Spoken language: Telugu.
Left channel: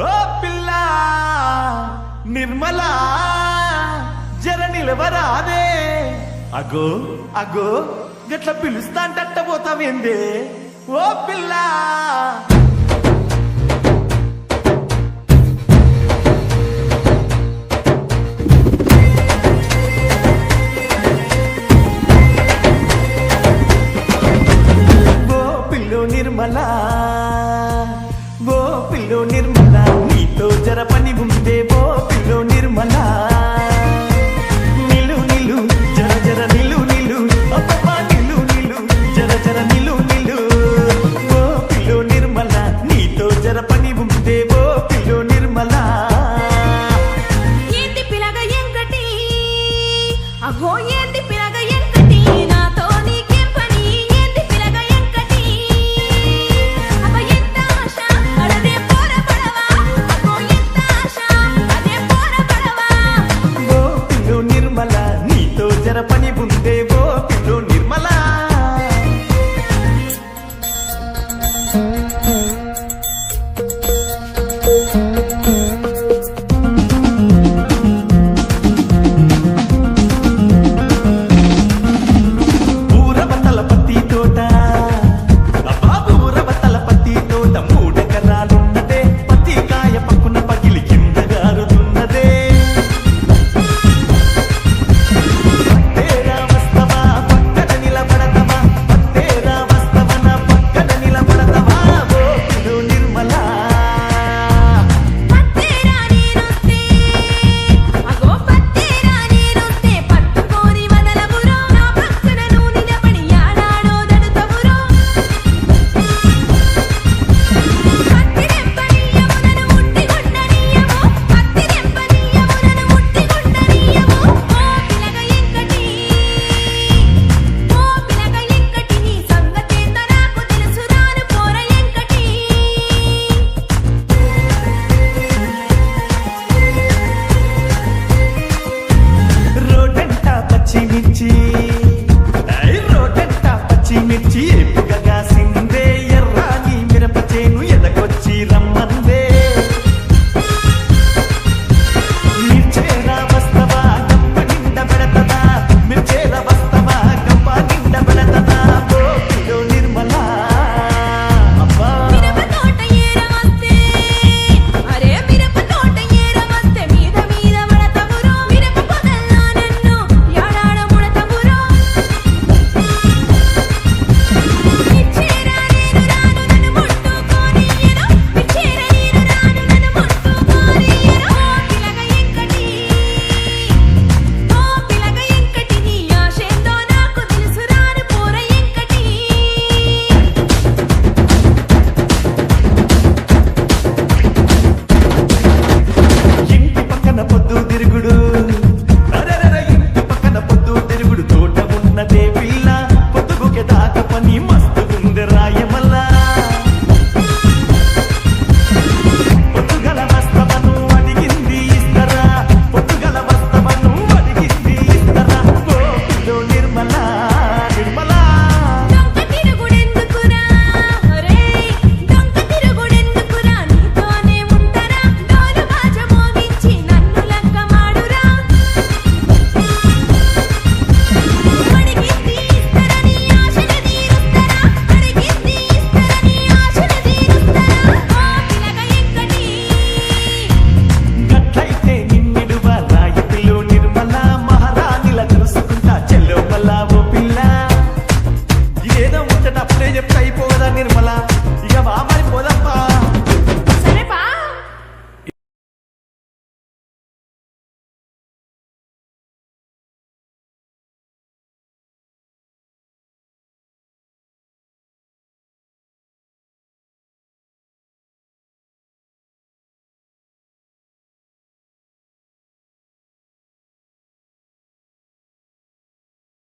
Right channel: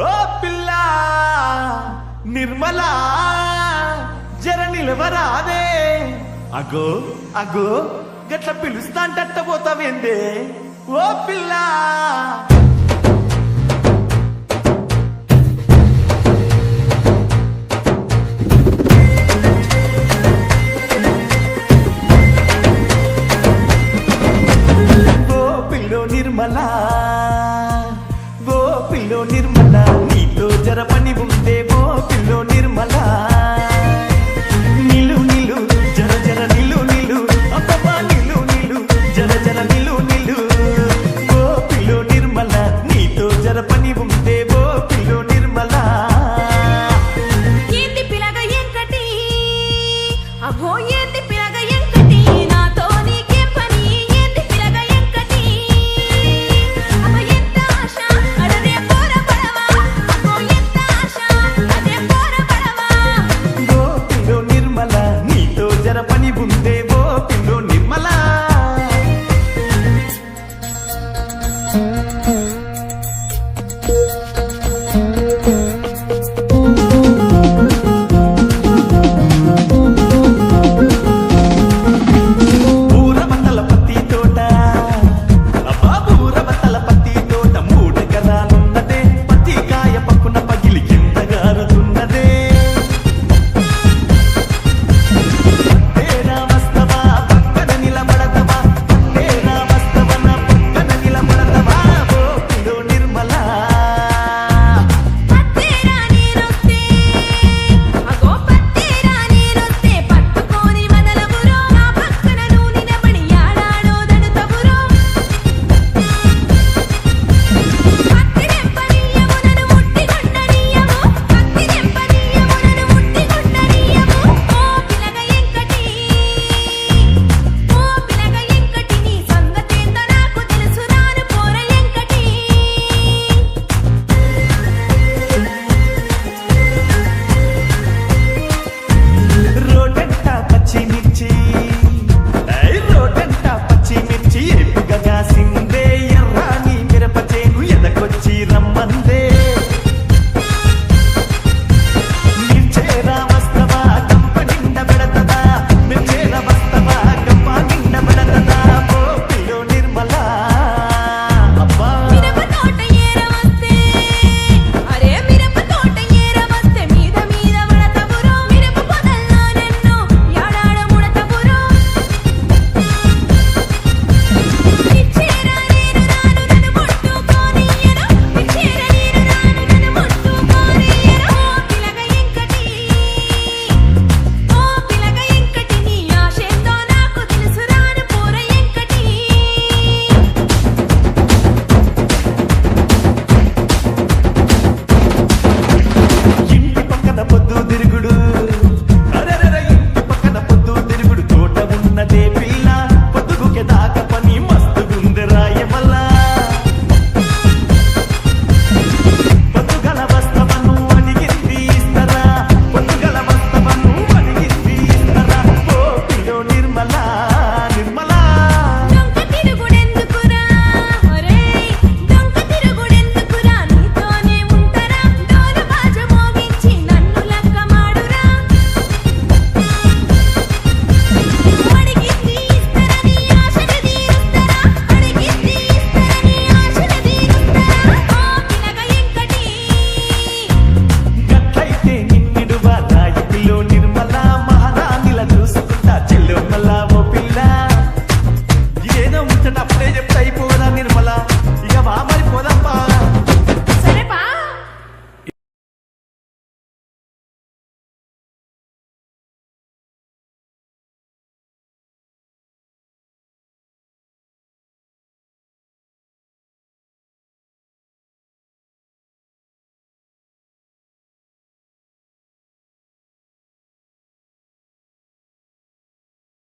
ఓ పిల్ల నిర్మలా జర నిలవరాదే. అగో అగో గట్ల పిలుస్తా అంటట్ట పోతావేందే ఓ పిల్ల. నిర్మలా ఓ పిల్లో నిర్మలా నీతో జర పని ఉందే ఓ పిల్లో నిర్మలా. నిలు నిలు జర జర నిలు నిలు అబ్బబ్బా నిలు నిలు జర జర నిలు నిలు ఓ పిల్లో నిర్మలా నీతో జర పని ఉందే ఓ పిల్లో నిర్మలా. ఏంది పిలగ ఎంకటి అగో ఏంది పిలగ ఎంకటి నాతో నీకేం పని. ఏంది పిలగ ఎంకటి అబ్బ ఎంత ఆశ అడరే పోర పడవా. అగో ఎంత ఆశ అదే పోర పడవా. ఓ పిల్లో నిర్మలా నీతో జర పని ఉందే ఓ పిల్లో నిర్మలా. ఎకరాలున్నదే పత్తి కాయ పక్కున పగిలి కింద గారుతున్నదే. పత్తేరా వస్తవా పక్కన నిలబడతవా పత్తేరా వస్తవన పక్కన నిలబడతవా ఓ పిల్లో నిర్మలా. పత్తేరా నేనొస్తే అగో పత్తేరా నేనొస్తే పట్టుకొని వదలవురో. నా పక్కన నువ్వు నిలబడి ఆడాడో దడుతవురో. పచ్చిమిర్చి రోడ్డంట పచ్చిమిర్చి ఎప్పుగా కాసిందే. ఎర్రాని మిరప చేను ఎదకొచ్చి రమ్మందే. మిర్చేరా వస్తవా గంప నిండ పెడతదా మిర్చేరా వస్తవా గంప నిండ పెడతదా ఓ పిల్లో నిర్మలా. అబ్బా మిరప తోట ఏరవస్తే అరే మిరప తోట ఏరవస్తే మీద మీద పడతవురో. మిరప పొదల్లో నన్ను యాడాడ ముడతవురో. మిర్చేరా నేను రాను నన్ను ముట్టుకోనియ్యను. మిర్చేరా నేను రాను నన్ను ముట్టుకోనియ్యను. ఓ పిలగ ఎంకటి ఓ పిలగ ఎంకటి నీ ఆశేందో నాకు తెలుసు రాను పోర ఎంకటి. ఇంటి పక్కన పొద్దు తిరుగుడు అరెరెర ఇంటి పక్కన పొద్దు తిరుగుడు తోట ఉన్నదే పిల్ల. పొద్దుగుకే దాకా పని మస్తుగుంది రాయమల్లా. పొద్దుగల వస్తవను అడిగింది ఇస్తరా పొద్దుగల వస్తవను అడిగింది ఇస్తరా ఓ పిల్లో నిర్మలా నిర్మలా. దొంగ తిరుగుడెందుకురా ఒరేయ్ దొంగ తిరుగుడెందుకురా. నీతోనే ఉంటారా డోలు బాజ మోగించి నన్ను లక్క మాడురా. అడిగింది ఇస్తరా నీ ఆశను తీరుస్తరా. అడిగింది ఇస్తరా నీ ఆశను తీరుస్తరా ఓ పిలగ ఎంకటి. గట్లయితే నిన్నిడువా రాయి పిల్లో నిర్మలా. మహారాణిలా చూసుకుంటా చెల్లో మల్లా ఓ పిల్ల. ఏదో ముచ్చట అప్పుడే చెప్తే అయిపోగదా నిర్మలా. ఇక వా మరి పోదాంపా.